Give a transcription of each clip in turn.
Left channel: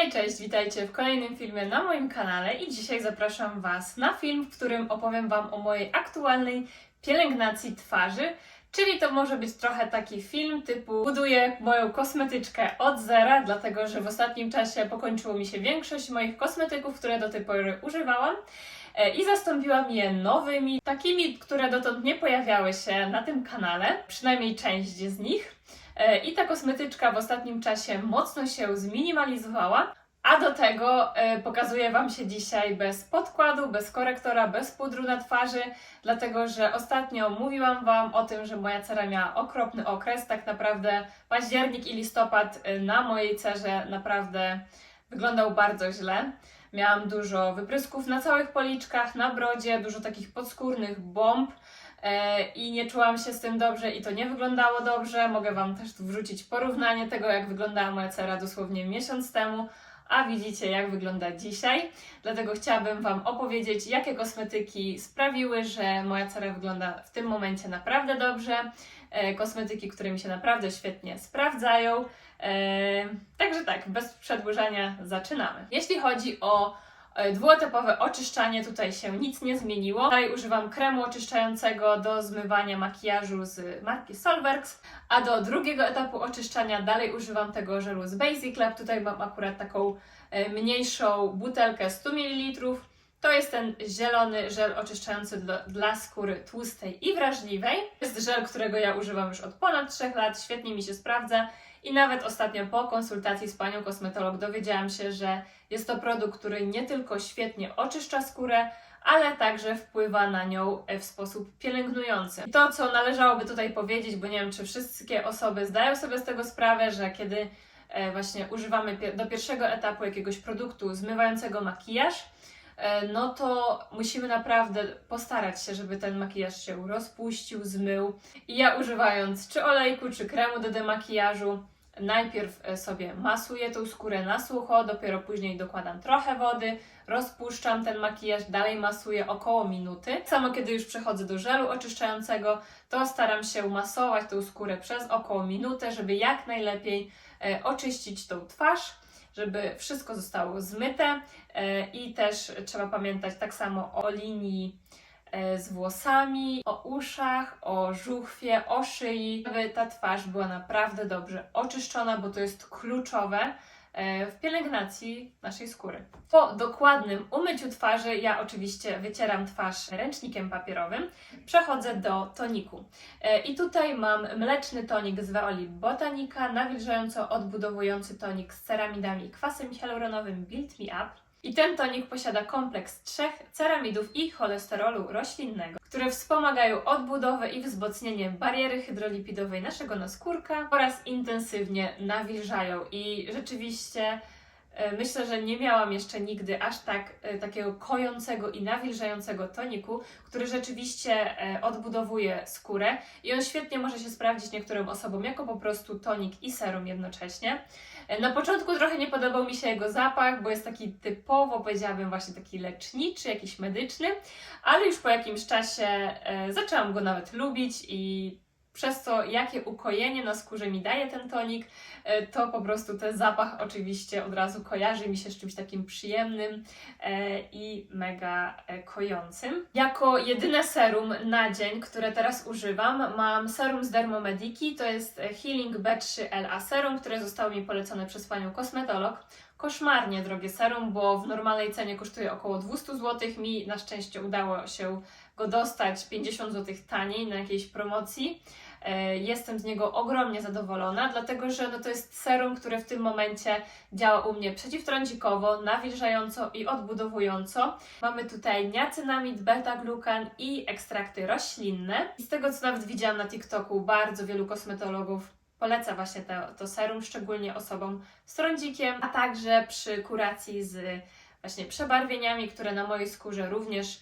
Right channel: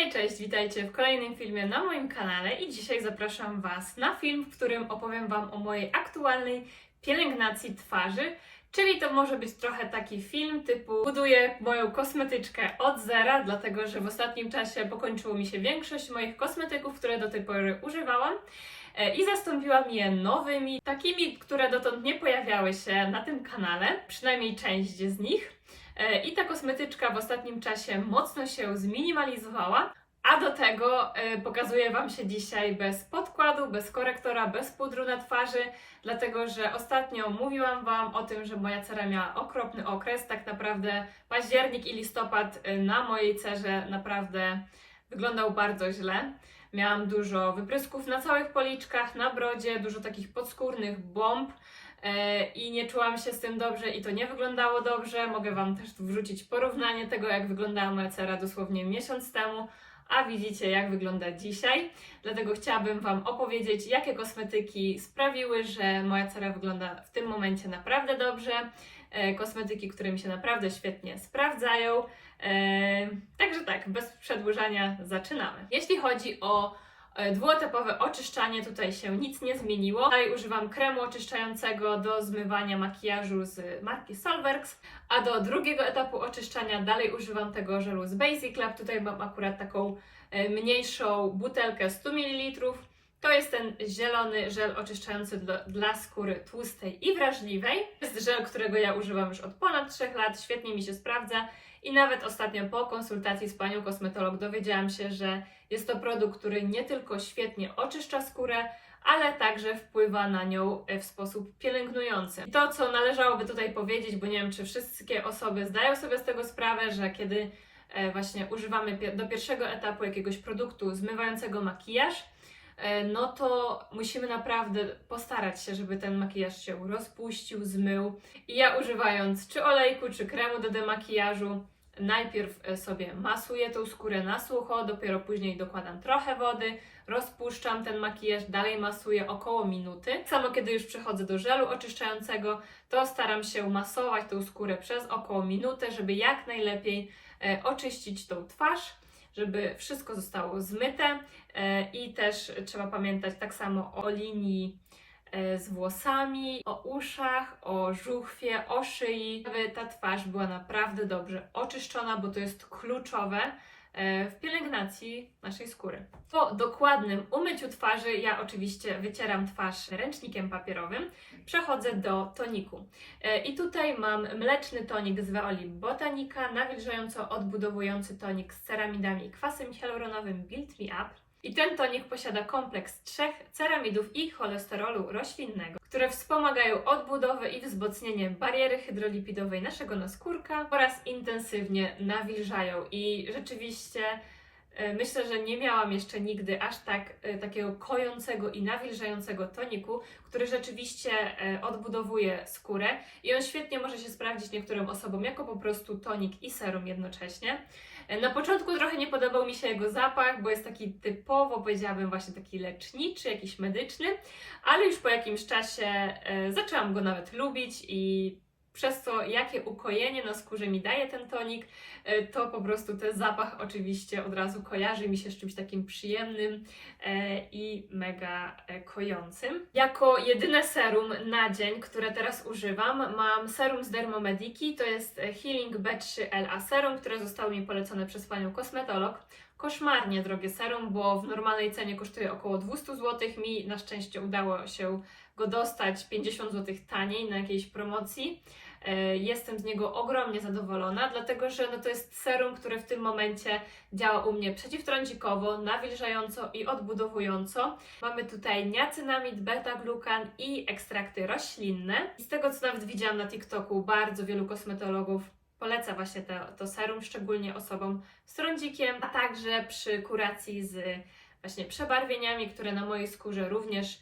Hej, cześć, witajcie w kolejnym filmie na moim kanale i dzisiaj zapraszam Was na film, w którym opowiem Wam o mojej aktualnej pielęgnacji twarzy. Czyli to może być trochę taki film typu buduję moją kosmetyczkę od zera, dlatego że w ostatnim czasie pokończyło mi się większość moich kosmetyków, które do tej pory używałam e, i zastąpiłam je nowymi, takimi, które dotąd nie pojawiały się na tym kanale, przynajmniej część z nich. E, I ta kosmetyczka w ostatnim czasie mocno się zminimalizowała. A do tego e, pokazuję Wam się dzisiaj bez podkładu, bez korektora, bez pudru na twarzy, dlatego że ostatnio mówiłam Wam o tym, że moja cera miała okropny okres. Tak naprawdę październik i listopad e, na mojej cerze naprawdę wyglądał bardzo źle. Miałam dużo wyprysków na całych policzkach, na brodzie, dużo takich podskórnych bomb. E, i nie czułam się z tym dobrze i to nie wyglądało dobrze. Mogę Wam też tu wrzucić porównanie tego, jak wyglądała moja cera dosłownie miesiąc temu, a widzicie, jak wygląda dzisiaj. Dlatego chciałabym Wam opowiedzieć, jakie kosmetyki sprawiły, że moja cera wygląda w tym momencie naprawdę dobrze. E, Kosmetyki, które mi się naprawdę świetnie sprawdzają. E, Także tak, bez przedłużania zaczynamy. Jeśli chodzi o Dwuetapowe oczyszczanie, tutaj się nic nie zmieniło. Dalej używam kremu oczyszczającego do zmywania makijażu z marki Solverx, a do drugiego etapu oczyszczania dalej używam tego żelu z Basic Lab. Tutaj mam akurat taką e, mniejszą butelkę 100 ml. To jest ten zielony żel oczyszczający dla skóry tłustej i wrażliwej. To jest żel, którego ja używam już od ponad 3 lat, świetnie mi się sprawdza. I nawet ostatnio po konsultacji z panią kosmetolog dowiedziałam się, że jest to produkt, który nie tylko świetnie oczyszcza skórę, ale także wpływa na nią w sposób pielęgnujący. I to, co należałoby tutaj powiedzieć, bo nie wiem, czy wszystkie osoby zdają sobie z tego sprawę, że kiedy e, właśnie używamy do pierwszego etapu jakiegoś produktu zmywającego makijaż, no to musimy naprawdę postarać się, żeby ten makijaż się rozpuścił, zmył. I ja używając czy olejku, czy kremu do demakijażu, najpierw e, sobie masuję tą skórę na sucho, dopiero później dokładam trochę wody, rozpuszczam ten makijaż, dalej masuję około minuty. Samo kiedy już przechodzę do żelu oczyszczającego, to staram się masować tą skórę przez około minutę, żeby jak najlepiej e, oczyścić tą twarz, żeby wszystko zostało zmyte e, i też trzeba pamiętać tak samo o linii e, z włosami, o uszach, o żuchwie, o szyi, aby ta twarz była naprawdę dobrze oczyszczona, bo to jest kluczowe w pielęgnacji naszej skóry. Po dokładnym umyciu twarzy, ja oczywiście wycieram twarz ręcznikiem papierowym, przechodzę do toniku. E, I tutaj mam mleczny tonik z Veoli Botanica, nawilżająco odbudowujący tonik z ceramidami i kwasem hialuronowym Build Me Up. I ten tonik posiada kompleks trzech ceramidów i cholesterolu roślinnego, które wspomagają odbudowę i wzmocnienie bariery hydrolipidowej naszego naskórka oraz intensywnie nawilżają. I rzeczywiście e, myślę, że nie miałam jeszcze nigdy aż tak e, takiego kojącego i nawilżającego toniku, który rzeczywiście e, odbudowuje skórę i on świetnie może się sprawdzić niektórym osobom jako po prostu tonik i serum jednocześnie. Na początku trochę nie podobał mi się jego zapach, bo jest taki typowo, powiedziałabym, właśnie taki leczniczy, jakiś medyczny, ale już po jakimś czasie e, zaczęłam go nawet lubić i przez to, jakie ukojenie na skórze mi daje ten tonik, e, to po prostu ten zapach oczywiście od razu kojarzy mi się z czymś takim przyjemnym e, i mega e, kojącym. Jako jedyne serum na dzień, które teraz używam, mam serum z Dermomediki, to jest Healing B3LA serum, które zostało mi polecone przez panią kosmetolog. Koszmarnie drogie serum, bo w normalnej cenie kosztuje około 200 zł. Mi na szczęście udało się go dostać 50 zł taniej na jakiejś promocji. E, Jestem z niego ogromnie zadowolona, dlatego że no to jest serum, które w tym momencie działa u mnie przeciwtrądzikowo, nawilżająco i odbudowująco. Mamy tutaj niacynamid, beta-glukan i ekstrakty roślinne. I z tego, co nawet widziałam na TikToku, bardzo wielu kosmetologów poleca właśnie to, to serum, szczególnie osobom z trądzikiem, a także przy kuracji z właśnie przebarwieniami, które na mojej skórze również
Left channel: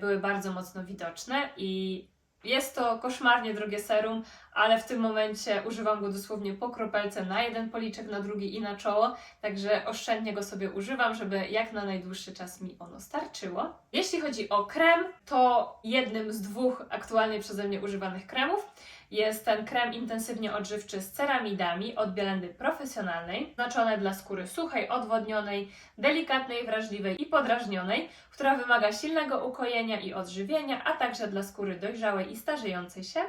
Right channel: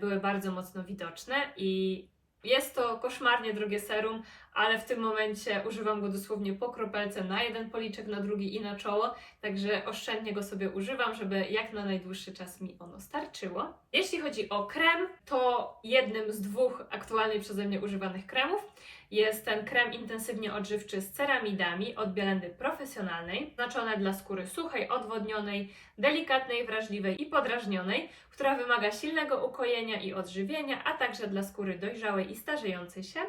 były bardzo mocno widoczne i jest to koszmarnie drogie serum, ale w tym momencie używam go dosłownie po kropelce na jeden policzek, na drugi i na czoło, także oszczędnie go sobie używam, żeby jak na najdłuższy czas mi ono starczyło. Jeśli chodzi o krem, to jednym z dwóch aktualnie przeze mnie używanych kremów jest ten krem intensywnie odżywczy z ceramidami od Bielendy Profesjonalnej, znaczone dla skóry suchej, odwodnionej, delikatnej, wrażliwej i podrażnionej, która wymaga silnego ukojenia i odżywienia, a także dla skóry dojrzałej i starzejącej się.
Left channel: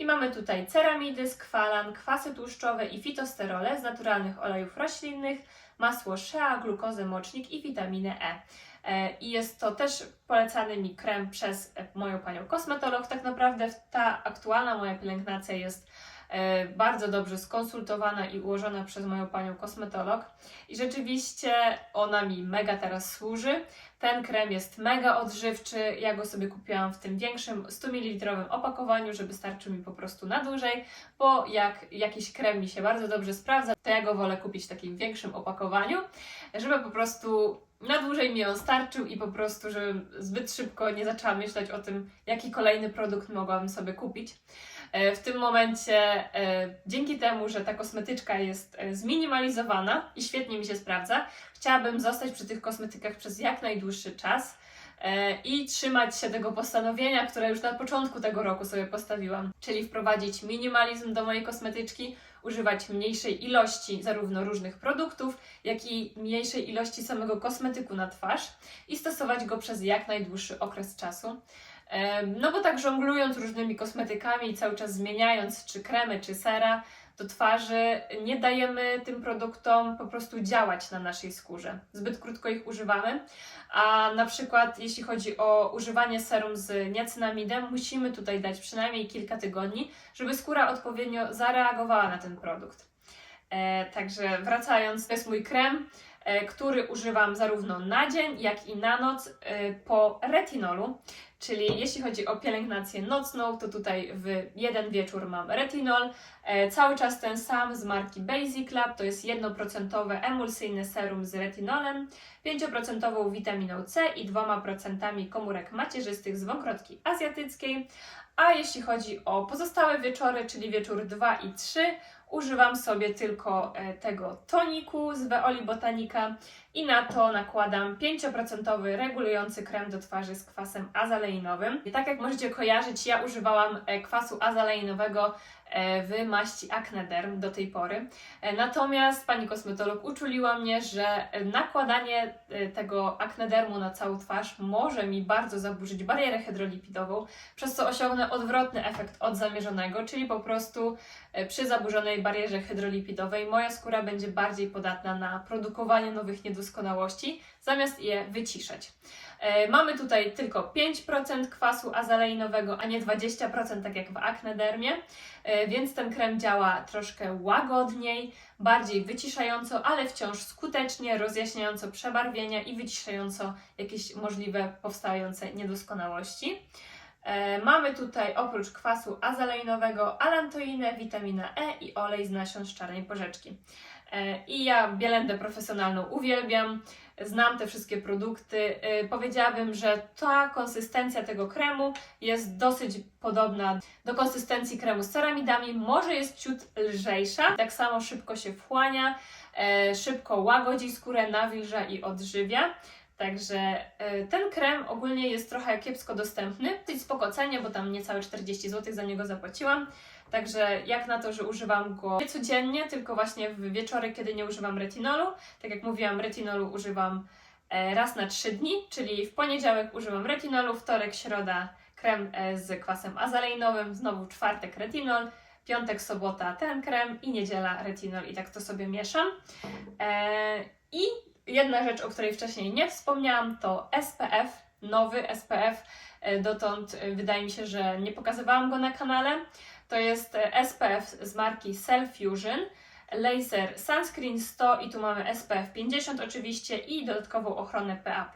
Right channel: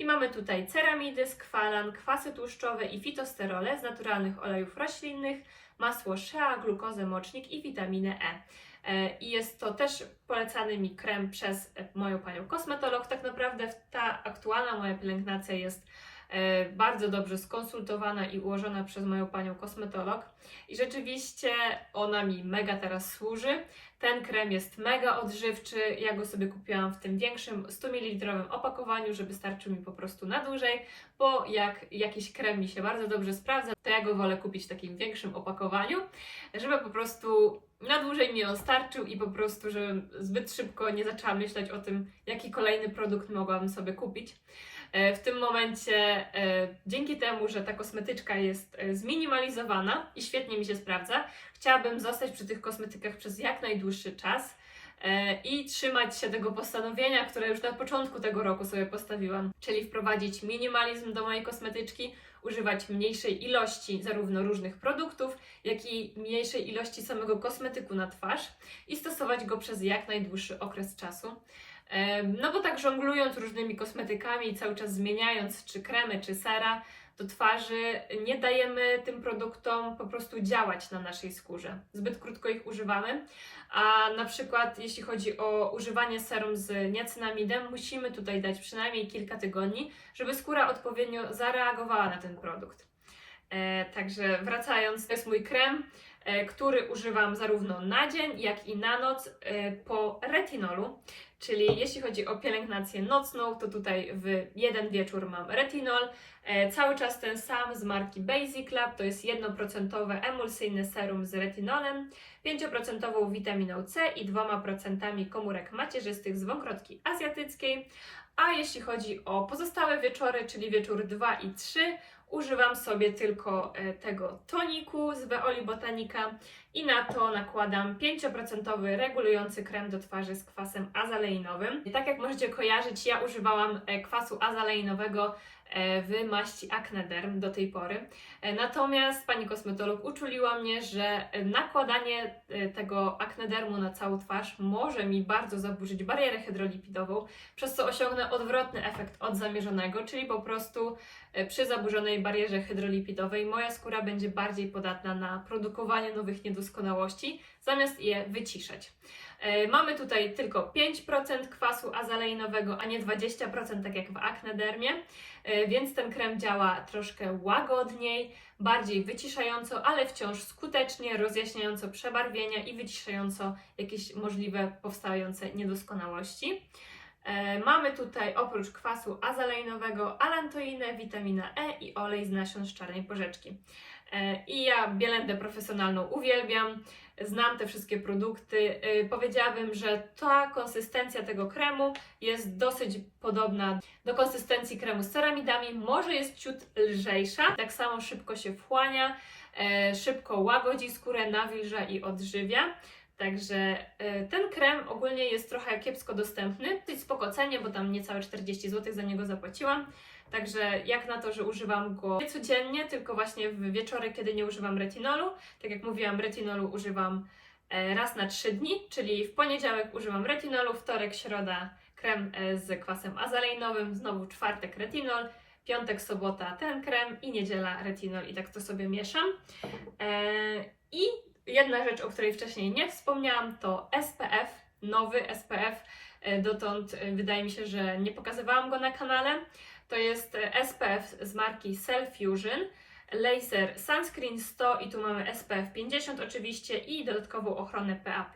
I mamy tutaj ceramidy, skwalan, kwasy tłuszczowe i fitosterole z naturalnych olejów roślinnych, masło shea, glukozę, mocznik i witaminę E. E, I jest to też polecany mi krem przez moją panią kosmetolog. Tak naprawdę ta aktualna moja pielęgnacja jest bardzo dobrze skonsultowana i ułożona przez moją panią kosmetolog. I rzeczywiście ona mi mega teraz służy. Ten krem jest mega odżywczy. Ja go sobie kupiłam w tym większym 100 ml opakowaniu, żeby starczył mi po prostu na dłużej, bo jak jakiś krem mi się bardzo dobrze sprawdza, to ja go wolę kupić w takim większym opakowaniu, żeby po prostu na dłużej mi on starczył i po prostu, żebym zbyt szybko nie zaczęła myśleć o tym, jaki kolejny produkt mogłabym sobie kupić. E, W tym momencie, e, dzięki temu, że ta kosmetyczka jest e, zminimalizowana i świetnie mi się sprawdza, chciałabym zostać przy tych kosmetykach przez jak najdłuższy czas i trzymać się tego postanowienia, które już na początku tego roku sobie postawiłam, czyli wprowadzić minimalizm do mojej kosmetyczki, używać mniejszej ilości zarówno różnych produktów, jak i mniejszej ilości samego kosmetyku na twarz i stosować go przez jak najdłuższy okres czasu. No bo tak żonglując różnymi kosmetykami cały czas zmieniając czy kremy, czy sera do twarzy, nie dajemy tym produktom po prostu działać na naszej skórze. Zbyt krótko ich używamy, a na przykład jeśli chodzi o używanie serum z niacinamidem, musimy tutaj dać przynajmniej kilka tygodni, żeby skóra odpowiednio zareagowała na ten produkt. E, także wracając, to jest mój krem, e, który używam zarówno na dzień, jak i na noc e, po retinolu. Czyli jeśli chodzi o pielęgnację nocną, to tutaj w jeden wieczór mam retinol. E, cały czas ten sam z marki Basic Lab, to jest 1% emulsyjne serum z retinolem, 5% witaminą C i 2% komórek macierzystych z wąkrotki azjatyckiej. A jeśli chodzi o pozostałe wieczory, czyli wieczór 2 i 3, używam sobie tylko e, tego toniku z Veoli Botanica i na to nakładam 5% regulujący krem do twarzy z kwasem azaleinowym. I tak jak możecie kojarzyć, ja używałam e, kwasu azaleinowego e, w maści Acnederm do tej pory. E, Natomiast pani kosmetolog uczuliła mnie, że nakładanie tego Acnedermu na całą twarz może mi bardzo zaburzyć barierę hydrolipidową, przez co osiągnę odwrotny efekt od zamierzonego, czyli po prostu przy zaburzonej barierze hydrolipidowej moja skóra będzie bardziej podatna na produkowanie nowych niedoskonałości, zamiast je wyciszać. E, Mamy tutaj tylko 5% kwasu azaleinowego, a nie 20% tak jak w Acnedermie, e, więc ten krem działa troszkę łagodniej, bardziej wyciszająco, ale wciąż skutecznie, rozjaśniająco przebarwienia i wyciszająco jakieś możliwe powstające niedoskonałości. E, Mamy tutaj oprócz kwasu azaleinowego alantoinę, witaminę E i olej z nasion z czarnej porzeczki. E, I ja Bielendę profesjonalną uwielbiam, znam te wszystkie produkty. E, Powiedziałabym, że ta konsystencja tego kremu jest dosyć podobna do konsystencji kremu z ceramidami, może jest ciut lżejsza, tak samo szybko się wchłania, e, szybko łagodzi skórę, nawilża i odżywia. Także ten krem ogólnie jest trochę kiepsko dostępny, dosyć spoko cenie, bo tam niecałe 40 zł za niego zapłaciłam. Także jak na to, że używam go nie codziennie, tylko właśnie w wieczory, kiedy nie używam retinolu. Tak jak mówiłam, retinolu używam e, raz na 3 dni, czyli w poniedziałek używam retinolu, wtorek, środa krem e, z kwasem azaleinowym, znowu czwartek retinol, piątek, sobota ten krem i niedziela retinol i tak to sobie mieszam. E, I jedna rzecz, o której wcześniej nie wspomniałam, to SPF, nowy SPF. E, Dotąd e, wydaje mi się, że nie pokazywałam go na kanale. To jest e, SPF z marki Cell Fusion. Laser Sunscreen 100 i tu mamy SPF 50 oczywiście i dodatkową ochronę PA++.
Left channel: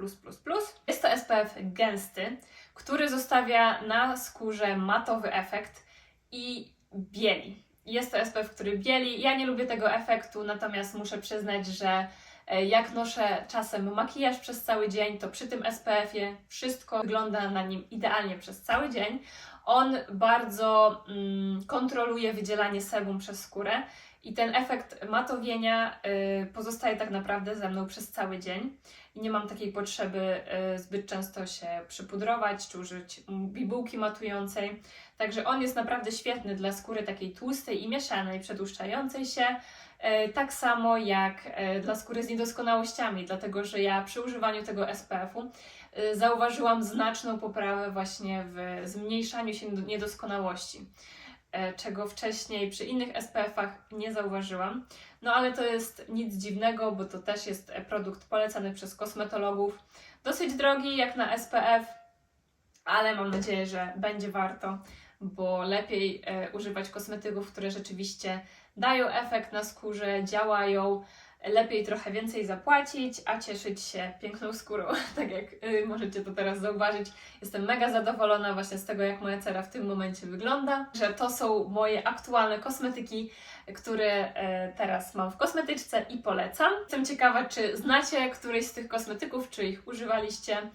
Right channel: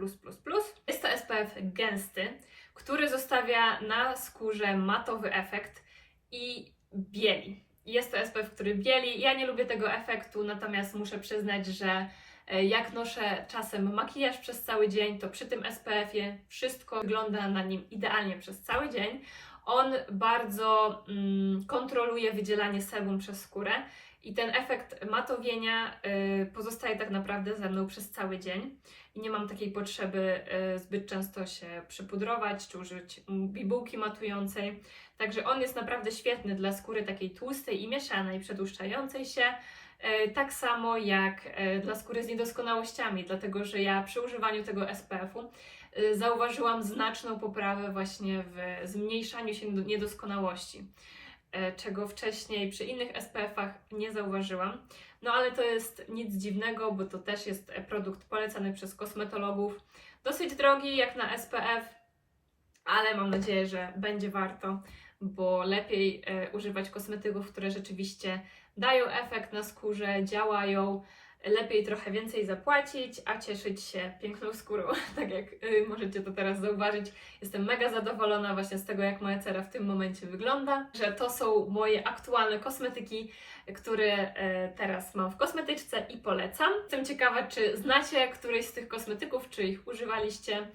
Jest to SPF gęsty, który zostawia na skórze matowy efekt i bieli. Jest to SPF, który bieli. Ja nie lubię tego efektu, natomiast muszę przyznać, że jak noszę czasem makijaż przez cały dzień, to przy tym SPF-ie wszystko wygląda na nim idealnie przez cały dzień. On bardzo mm, kontroluje wydzielanie sebum przez skórę I ten efekt matowienia y, pozostaje tak naprawdę ze mną przez cały dzień. I nie mam takiej potrzeby y, zbyt często się przypudrować czy użyć bibułki matującej. Także on jest naprawdę świetny dla skóry takiej tłustej i mieszanej, przedłuszczającej się. E, Tak samo jak e, dla skóry z niedoskonałościami, dlatego że ja przy używaniu tego SPF-u e, zauważyłam znaczną poprawę właśnie w zmniejszaniu się niedoskonałości, czego wcześniej przy innych SPF-ach nie zauważyłam. No ale to jest nic dziwnego, bo to też jest produkt polecany przez kosmetologów. Dosyć drogi jak na SPF, ale mam nadzieję, że będzie warto, bo lepiej e, używać kosmetyków, które rzeczywiście dają efekt na skórze, działają. Lepiej trochę więcej zapłacić, a cieszyć się piękną skórą. Tak jak y, możecie to teraz zauważyć, jestem mega zadowolona właśnie z tego, jak moja cera w tym momencie wygląda. Że to są moje aktualne kosmetyki, które e, teraz mam w kosmetyczce i polecam. Jestem ciekawa, czy znacie któryś z tych kosmetyków, czy ich używaliście.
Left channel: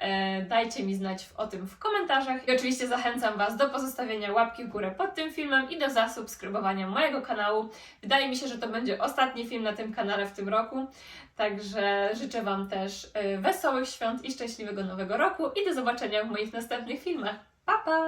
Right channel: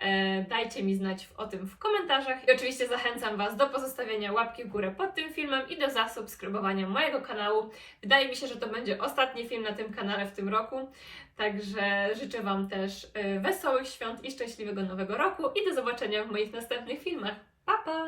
E, Dajcie mi znać o tym w komentarzach. I oczywiście zachęcam Was do pozostawienia łapki w górę pod tym filmem i do zasubskrybowania mojego kanału. Wydaje mi się, że to będzie ostatni film na tym kanale w tym roku. Także życzę Wam też e, wesołych świąt i szczęśliwego nowego roku i do zobaczenia w moich następnych filmach. Pa pa!